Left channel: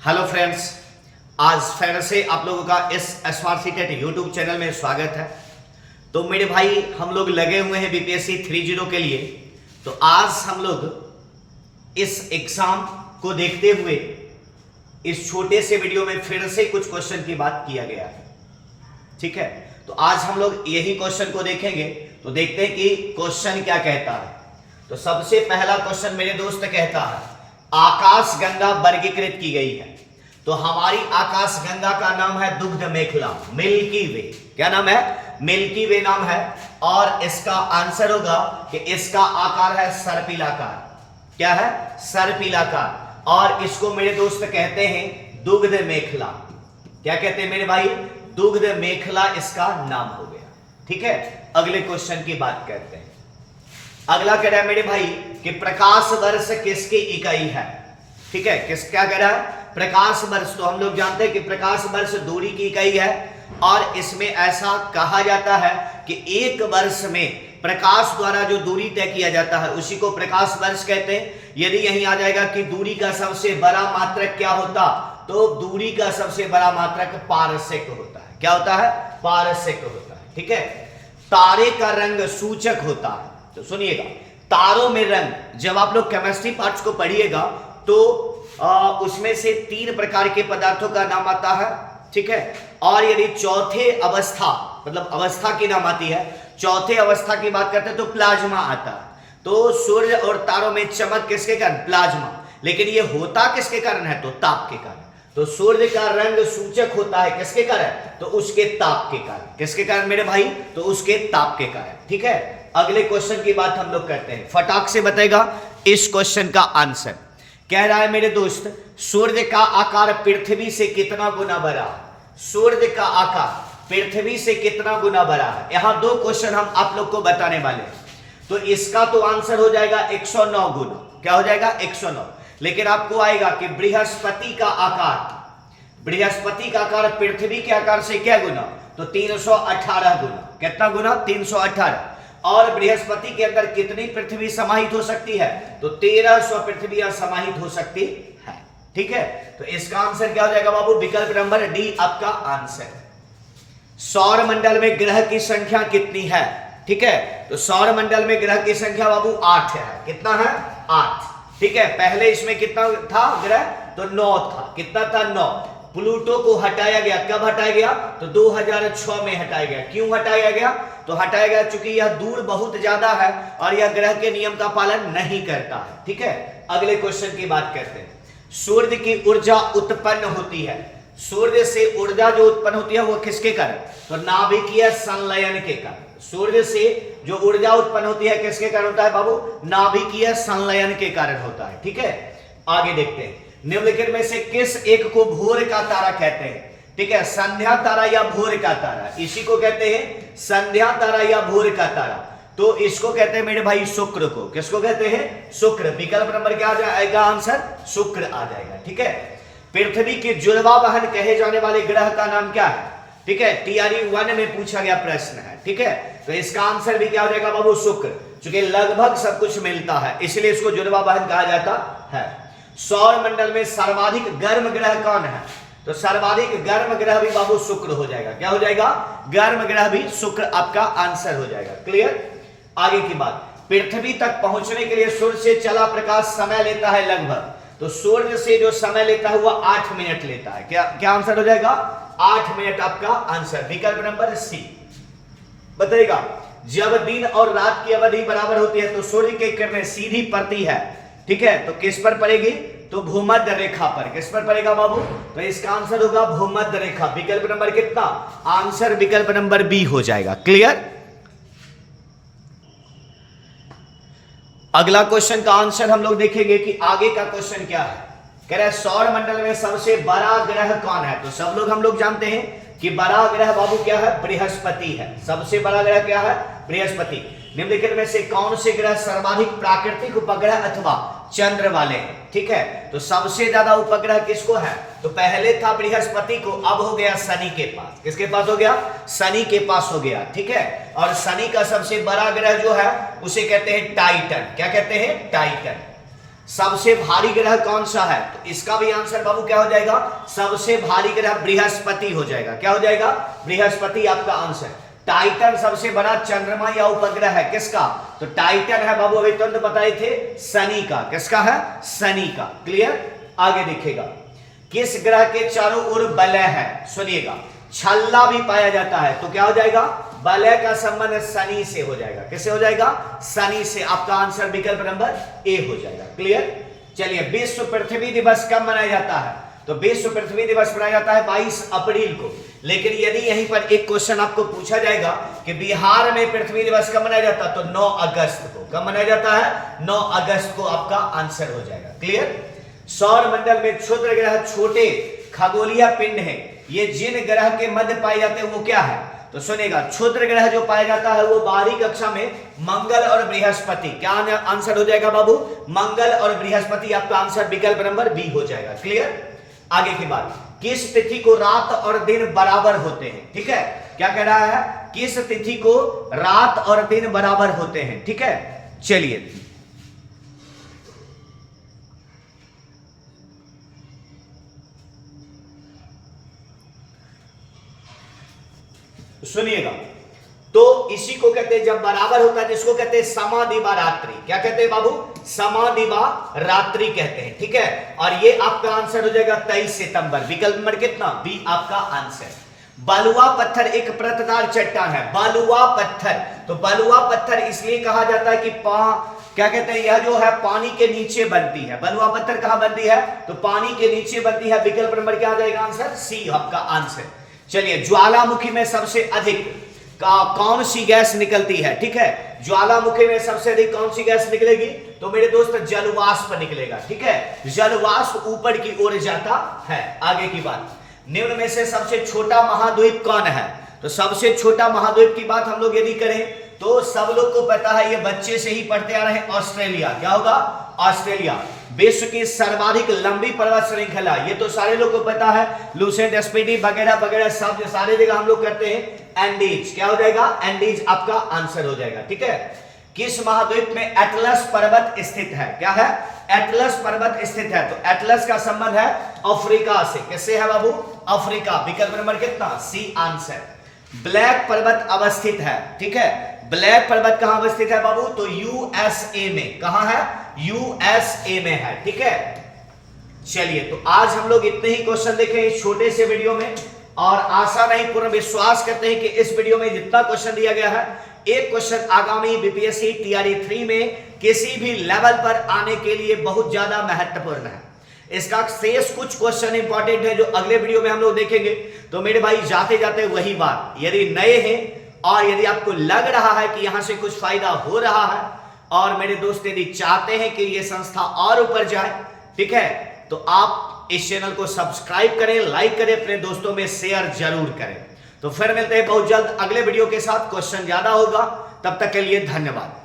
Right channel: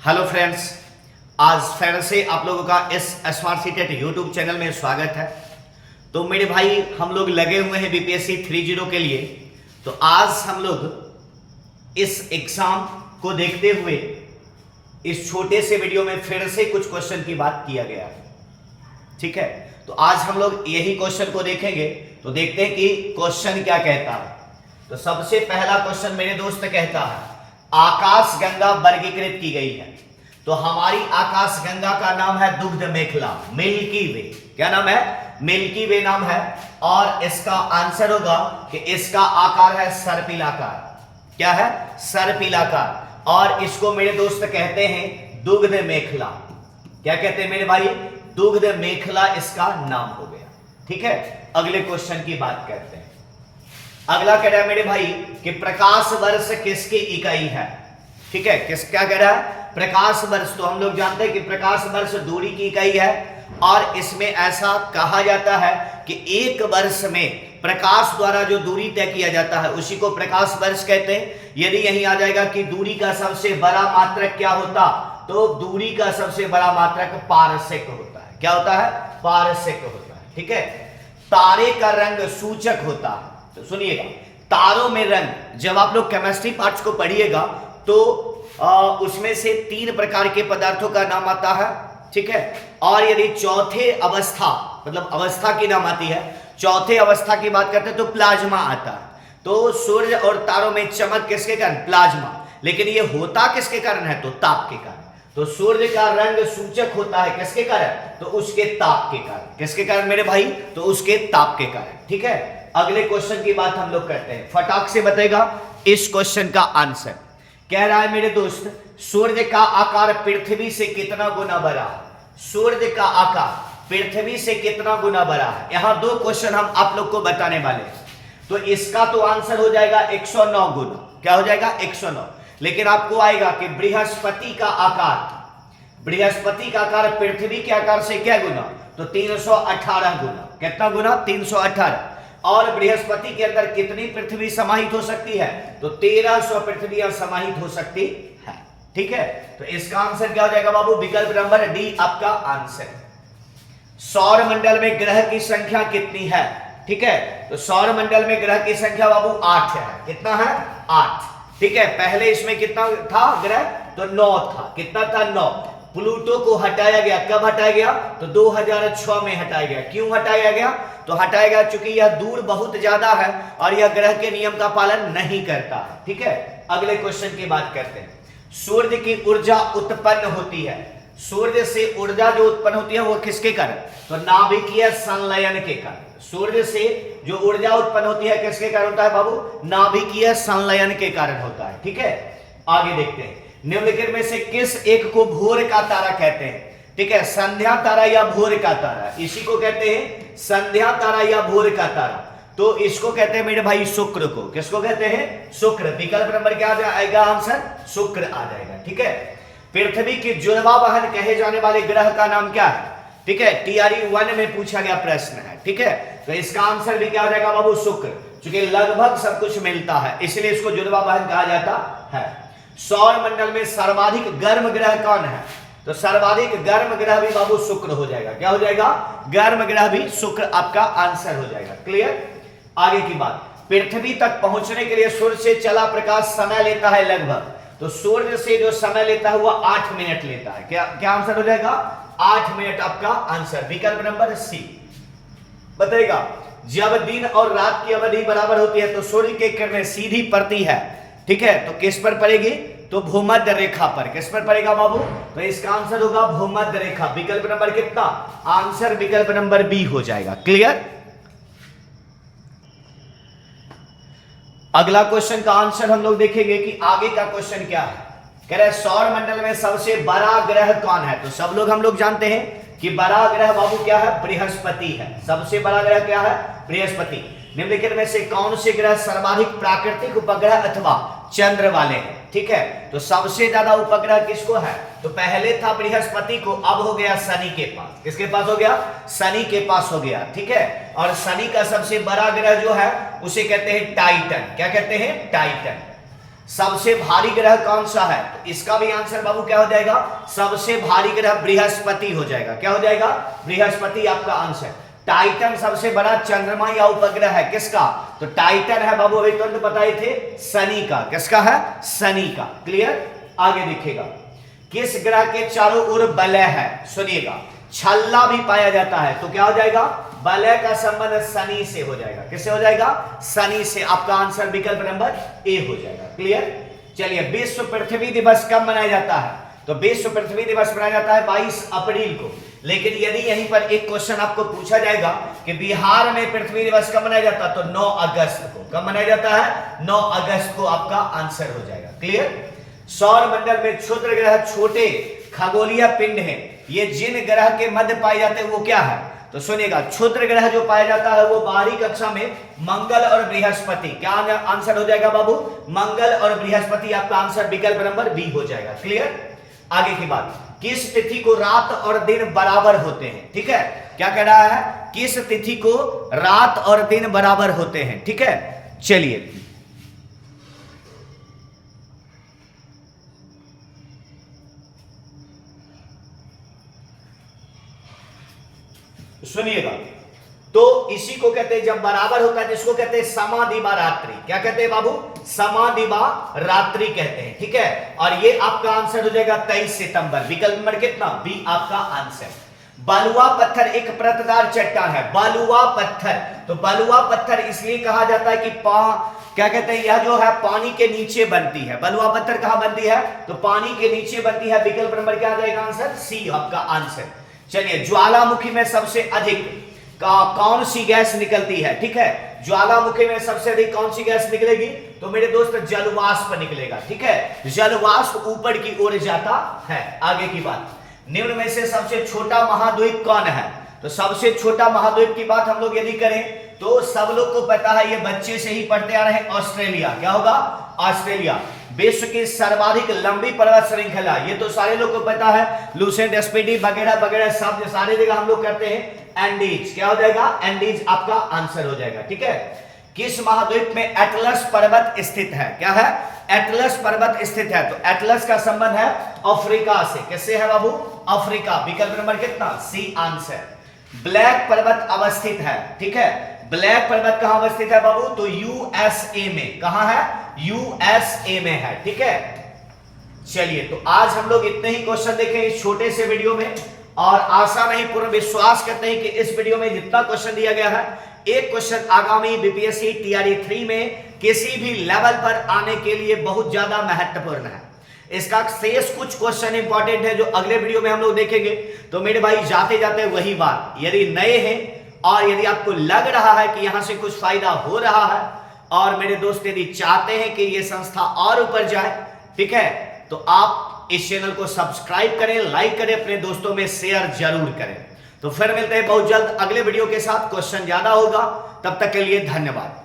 Hello friends, आज फिर से आप लोगों का इस एसआरसी टेट यूट्यूब चैनल में स्वागत है। तो मेरे भाई, हम लोग लगे हुए हैं बीपीएससी 30 के लिए। तो आज हम लोग इस एग्जाम को देखते हुए इस छोटे से वीडियो में फिर से कुछ क्वेश्चन की बात किया गया है। ठीक है, तो आज हम लोग यही क्वेश्चन को देखेंगे। तो देखते हैं कि क्वेश्चन क्या कहता है। तो सबसे पहला क्वेश्चन मेरे दोस्त कहता है, आकाश गंगा वर्गीकृत की गई है। तो हमारी आकाश गंगा का नाम है दुग्ध मेखला, मिल्की वे। क्या नाम है? मिल्की वे नाम है। और इसका आंसर होगा कि इसका आकार है सर्पिलाकार। क्या है? सर्पिलाकार। और इसको मेरे दोस्त कहते हैं दुग्ध मेखला। क्या कहते हैं मेरे भाई? दुग्ध मेखला इसका नाम हो गया। ठीक है, अगले क्वेश्चन की बात करते हैं। अगला कह रहा है मेरे भाई कि प्रकाश वर्ष किसकी इकाई है। ठीक है, क्या कह रहा है? प्रकाश वर्ष। तो हम लोग जानते हैं कि प्रकाश वर्ष दूरी की इकाई है। और इसमें ऐसा कहा जाता है कि एक वर्ष में प्रकाश द्वारा जो दूरी तय किया जाता है उसी को प्रकाश वर्ष कहते हैं। यदि यहीं आ जाएगा कि दूरी का सबसे बड़ा मात्रक क्या होता, तो दूरी का सबसे बड़ा मात्रक पारसेक होता है। क्या होता है? पारसेक होता है। ठीक है, तारे का रंग सूचक होता है। तो सुनिएगा, तारों में रंग, जब आप लोग केमिस्ट्री पार्ट्स को पढ़िएगा तो उसमें से 3 प्रकार के पदार्थों का नाम आता है। ठीक है, और यदि चौथे अवस्था, मतलब अवस्था की नाम आती है, चौथे अवस्था की बात करते हैं तो प्लाज्मा आता है। तो सूर्य और तारों में चमक किसके कारण? प्लाज्मा। लेकिन ये होता किसके कारण है? तो ताप के कारण। तो सूर्य का रंग सूचक होता है किसके कारण? तो उसके ताप के कारण। किसके कारण मेरे भाई? तो उसके ताप के कारण। ठीक है, अगले क्वेश्चन की बात हम लोग करते हैं। फटाक से बताएगा इस क्वेश्चन का आंसर। कह रहा है मेरे दोस्त, सूर्य का आकार पृथ्वी से कितना गुना बड़ा है? सूर्य का आकार पृथ्वी से कितना गुना बड़ा है? यहां 2 क्वेश्चन हम आप लोग को बताने वाले हैं। तो इसका तो आंसर हो जाएगा 109 गुना। क्या हो जाएगा? 109। लेकिन आपको आएगा कि बृहस्पति का आकार, बृहस्पति का आकार पृथ्वी के आकार से क्या गुना? तो 318 गुना। कितना गुना? 318। और बृहस्पति के अंदर कितनी पृथ्वी समाहित हो सकती है? तो 1300 पृथ्वियां समाहित हो सकती है। ठीक है, तो इसका आंसर क्या हो जाएगा बाबू? विकल्प नंबर डी आपका आंसर। सौर मंडल में ग्रह की संख्या कितनी है? ठीक है, तो सौर मंडल में ग्रह की संख्या बाबू 8 है। कितना है? 8। ठीक है, पहले इसमें कितना था ग्रह? तो 9 था। कितना था? 9। प्लूटो को हटाया गया। कब हटाया गया? तो 2006 में हटाया गया। क्यों हटाया गया? तो हटाया गया चूंकि यह दूर बहुत ज्यादा है और यह ग्रह के नियम का पालन नहीं करता है। ठीक है, अगले क्वेश्चन की बात करते हैं। सूर्य की ऊर्जा उत्पन्न होती है। सूर्य से ऊर्जा जो उत्पन्न होती है वो किसके कारण? तो नाभिकीय संलयन के कारण। सूर्य से जो ऊर्जा उत्पन्न होती है किसके कारण होता है बाबू? नाभिकीय संलयन के कारण होता है। ठीक है, आगे देखते हैं। निम्नलिखित में से किस एक को भोर का तारा कहते हैं? ठीक है, संध्या तारा या भोर का तारा, इसी को कहते हैं संध्या तारा या भोर का तारा। तो इसको कहते हैं मेरे भाई शुक्र को। किसको कहते हैं? शुक्र। विकल्प नंबर क्या आ जाएगा? आंसर शुक्र आ जाएगा। ठीक है, पृथ्वी की जुड़वा वाहन कहे जाने वाले ग्रह का नाम क्या है? ठीक है, TRE 1 में पूछा गया प्रश्न है। ठीक है, तो इसका आंसर भी क्या हो जाएगा बाबू? शुक्र। क्योंकि लगभग सब कुछ मिलता है इसलिए इसको जुड़वा वाहन कहा जाता है। सौर मंडल में सर्वाधिक गर्म ग्रह कौन है? तो सर्वाधिक गर्म ग्रह भी बाबू शुक्र हो जाएगा। क्या हो जाएगा? गर्म ग्रह भी शुक्र आपका आंसर हो जाएगा। क्लियर? आगे की बात, पृथ्वी तक पहुंचने के लिए सूर्य से चला प्रकाश समय लेता है लगभग। तो सूर्य से जो समय लेता है वह 8 मिनट लेता है। क्या आंसर हो जाएगा? 8 मिनट आपका आंसर। विकल्प नंबर सी बताएगा। जब दिन और रात की अवधि बराबर होती है तो सूर्य की किरणें सीधी पड़ती है। ठीक है, तो किस पर पड़ेगी? तो भूमध्य रेखा पर। किस पर पड़ेगा बाबू? तो इसका आंसर होगा भूमध्य रेखा। विकल्प नंबर कितना? आंसर विकल्प नंबर बी हो जाएगा। क्लियर? अगला क्वेश्चन का आंसर हम लोग देखेंगे कि आगे का क्वेश्चन क्या है। कह रहा है सौर मंडल में सबसे बड़ा ग्रह कौन है? तो सब लोग हम लोग जानते हैं कि बड़ा ग्रह बाबू क्या है? बृहस्पति है। सबसे बड़ा ग्रह क्या है? बृहस्पति। निम्नलिखित में से कौन से ग्रह सर्वाधिक प्राकृतिक उपग्रह अथवा चंद्र वाले हैं? ठीक है, तो सबसे ज्यादा उपग्रह किसको है? तो पहले था बृहस्पति को, अब हो गया शनि के पास। किसके पास हो गया? शनि के पास हो गया। ठीक है, और शनि का सबसे बड़ा ग्रह जो है उसे कहते हैं टाइटन। क्या कहते हैं? टाइटन। सबसे भारी ग्रह कौन सा है? तो इसका भी आंसर बाबू क्या हो जाएगा? सबसे भारी ग्रह बृहस्पति हो जाएगा। क्या हो जाएगा? बृहस्पति आपका आंसर। टाइटन सबसे बड़ा चंद्रमा या उपग्रह है किसका? तो टाइटन है बाबू, अभी तुरंत बताए थे, शनि का। किसका है? शनि का। क्लियर? आगे देखिएगा, किस ग्रह के चारों ओर वलय है? सुनिएगा, छल्ला भी पाया जाता है, तो क्या हो जाएगा? वलय का संबंध शनि से हो जाएगा। किससे हो जाएगा? शनि से। आपका आंसर विकल्प नंबर ए हो जाएगा। क्लियर? चलिए, विश्व पृथ्वी दिवस कब मनाया जाता है? तो विश्व पृथ्वी दिवस मनाया जाता है 22 अप्रैल को। लेकिन यदि यहीं पर एक क्वेश्चन आपको पूछा जाएगा कि बिहार में पृथ्वी दिवस कब मनाया जाता है, तो 9 अगस्त को। कब मनाया जाता है? 9 अगस्त को आपका आंसर हो जाएगा। क्लियर? सौर मंडल में क्षुद्र ग्रह छोटे खगोलीय पिंड हैं, ये जिन ग्रह के मध्य पाए जाते हैं वो क्या है? तो सुनिएगा, क्षुद्र ग्रह जो पाया जाता है वो बाहरी कक्षा में मंगल और बृहस्पति। क्या आंसर हो जाएगा बाबू? मंगल और बृहस्पति। आपका आंसर विकल्प नंबर बी हो जाएगा। क्लियर? आगे की बात, किस तिथि को रात और दिन बराबर होते हैं? ठीक है, क्या कह रहा है? किस तिथि को रात और दिन बराबर होते हैं? ठीक है, चलिए, सुनिएगा, तो इसी को कहते हैं जब बराबर होता है, जिसको कहते हैं समादिवा रात्रि। क्या कहते हैं बाबू? समादिवा रात्रि कहते हैं। ठीक है, और ये आपका आंसर हो जाएगा 23 सितंबर। विकल्प नंबर कितना? बी आपका आंसर। बलुआ पत्थर एक परतदार चट्टान है। बलुआ पत्थर, तो बलुआ पत्थर इसलिए कहा जाता है कि क्या कहते हैं, यह जो है पानी के नीचे बनती है। बलुआ पत्थर कहां बनती है? तो पानी के नीचे बनती है। विकल्प नंबर क्या आ जाएगा? आंसर सी आपका आंसर। चलिए, ज्वालामुखी में सबसे अधिक कौन सी गैस निकलती है? ठीक है, ज्वालामुखी में सबसे अधिक कौन सी गैस निकलेगी? तो मेरे दोस्त जलवाष्प निकलेगा। ठीक है, जलवाष्प ऊपर की ओर जाता है। आगे की बात, निम्न में से सबसे छोटा महाद्वीप कौन है? तो सबसे छोटा महाद्वीप की बात हम लोग यदि करें तो सब लोग को पता है, ये बच्चे से ही पढ़ते आ रहे हैं, ऑस्ट्रेलिया। क्या होगा? ऑस्ट्रेलिया। विश्व की सर्वाधिक लंबी पर्वत श्रृंखला, ये तो सारे लोग को पता है, लुसेंट, स्पीडी वगैरह वगैरह सब सारे जगह हम लोग करते हैं एंडीज। क्या हो जाएगा? एंडीज आपका आंसर हो जाएगा। ठीक है, किस महाद्वीप में एटलस पर्वत स्थित है? क्या है? एटलस पर्वत स्थित है। तो एटलस का संबंध है अफ्रीका से। किससे है बाबू? अफ्रीका। विकल्प नंबर कितना? C answer. ब्लैक पर्वत अवस्थित है। ठीक है, ब्लैक पर्वत कहां अवस्थित है बाबू? तो यूएसए में। कहां है? यूएसए में है। ठीक है, चलिए, तो आज हम लोग इतने ही क्वेश्चन देखे इस छोटे से वीडियो में, और आशा नहीं पूर्ण विश्वास करते हैं कि इस वीडियो में जितना क्वेश्चन दिया गया है, एक क्वेश्चन आगामी बीपीएससी टीआरई 3 में किसी भी लेवल पर आने के लिए बहुत ज्यादा महत्वपूर्ण है। इसका शेष कुछ क्वेश्चन इंपॉर्टेंट है जो अगले वीडियो में हम लोग देखेंगे। तो मेरे भाई, जाते जाते वही बात, यदि नए हैं और यदि आपको लग रहा है कि यहां से कुछ फायदा हो रहा है, और मेरे दोस्त यदि चाहते हैं कि ये संस्था और ऊपर जाए, ठीक है, तो आप इस चैनल को सब्सक्राइब करें, लाइक करें, अपने दोस्तों में शेयर जरूर करें। तो फिर मिलते हैं बहुत जल्द अगले वीडियो के साथ। क्वेश्चन ज्यादा होगा, तब तक के लिए धन्यवाद।